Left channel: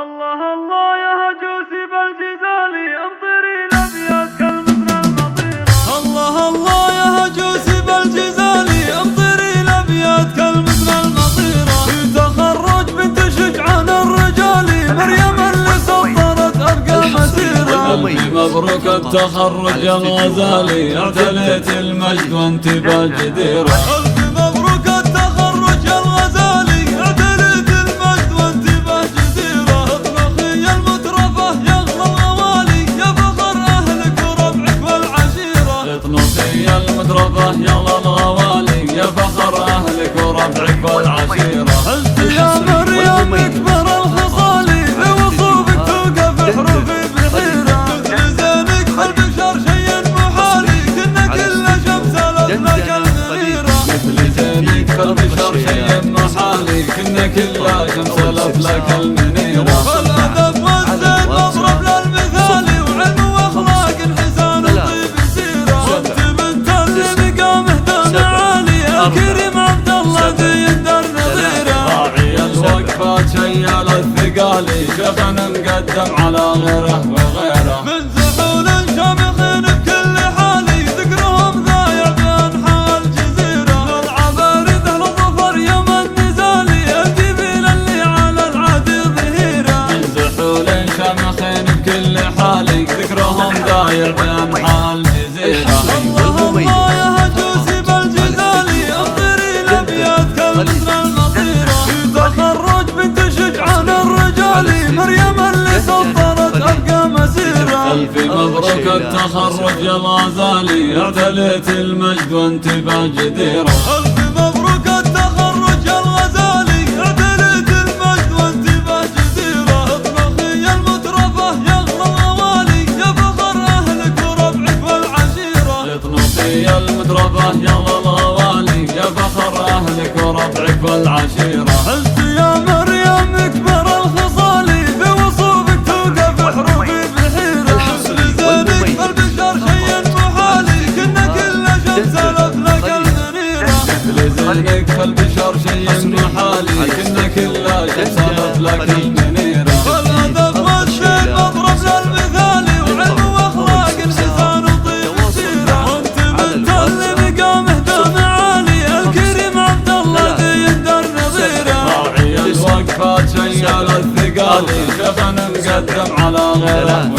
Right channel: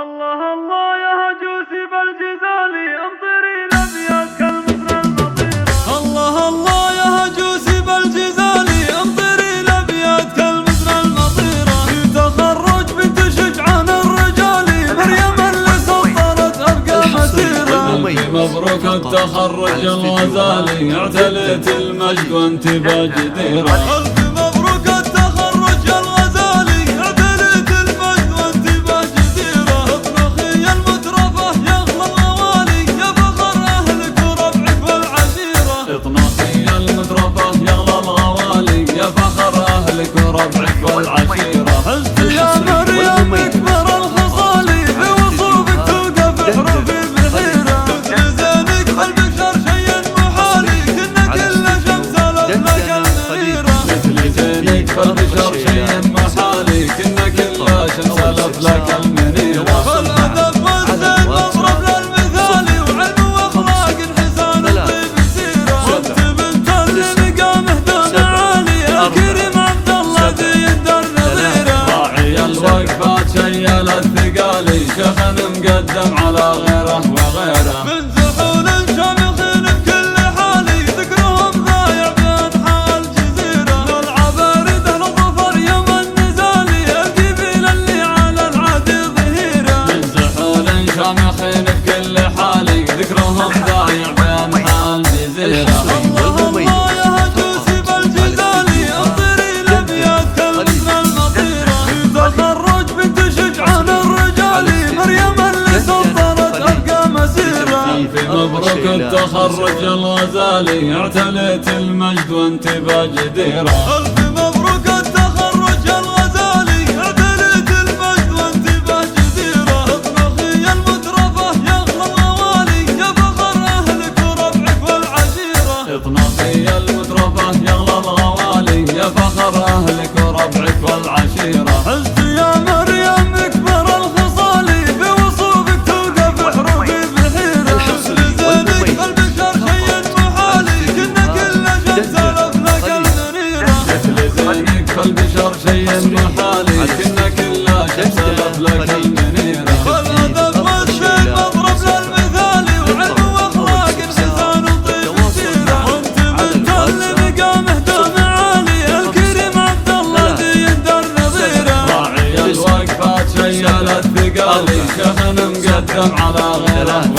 الله الله يا هجوسي بالجزالي امطري الابيات كالمثل المطيرة. الله الله يا هجوسي بالجزالي امطري الابيات كالمثل المطيرة. في تخرج بنت شجعان الرجالي مريم اللي سطرت ارقى مسيرة. مبروك التخرج الغزالي اعتليت المجد وانت باجديرة. الف مبروك التخرج يا الغزالي اعتليت المجد وانت باجديرة. اطلقي يا المترفة يا اغلى الغوالي يا فخر اهلك وربعك والعشيرة. اطلقي يا المترفة يا اغلى الغوالي يا فخر اهلك وربعك والعشيرة. عزت يا مريم اكبر الخصالي بوصوفك توقف حروفي بحيرة. مثل زينك بالبشر شيء محالي كنا كل شمس لك المنيرة. زينك بالبشر شيء محالي كنا كل شمس لك المنيرة. والادب والزين مضرب للمثالي وعلم واخلاق حسان وطيب سيرة. وانت بنت اللي مقامه دون عالي الكريم عبد الله ذي الدار نظيره. راعي الوقفات شيال الثقالي شيخنا مقدم على غيره وغيره. من زحول شامخين بكل حالي ذكرهم ضايع بانحاء الجزيره. للعبارد اهل الظفر يوم النزالي الجبيل اللي على العادي ظهيره. من زحول شامخين بكل حالي ذكرهم ضايع بانحاء الجزيرة. الله الله يا هجوسي بالجزالي امطري الابيات كالمثل المطيره. في تخرج بنت شجعان الرجالي مريم اللي سطرت ارقى مسيره. مبروك التخرج الغزالي اعتليت المجد وانت باجديرة. الف مبروك التخرج يا الغزالي اعتليت المجد وانت باجديره. اطلقي يا المترفة يا اغلى الغوالي يا فخر اهلك وربعك والعشيرة. اطلقي يا المترفة يا اغلى الغوالي يا فخر اهلك وربعك والعشيرة. عزت يا مريم اكبر الخصالي بوصوفك توقف حروفي بحيرة. مثل زينك بالبشر شيء محالي كنا كل شمس لك المنيرة. زينك بالبشر شيء محالي كنا كل شمس لك المنيرة. والادب والزين مضرب للمثالي وعلم واخلاق حسان وطيب سيرة. وانت بنت اللي مقامه دون عالي الكريم عبد الله ذي الدار نظيره. راعي الوقفات شيال الثقالي شيخنا مقدم على غيره.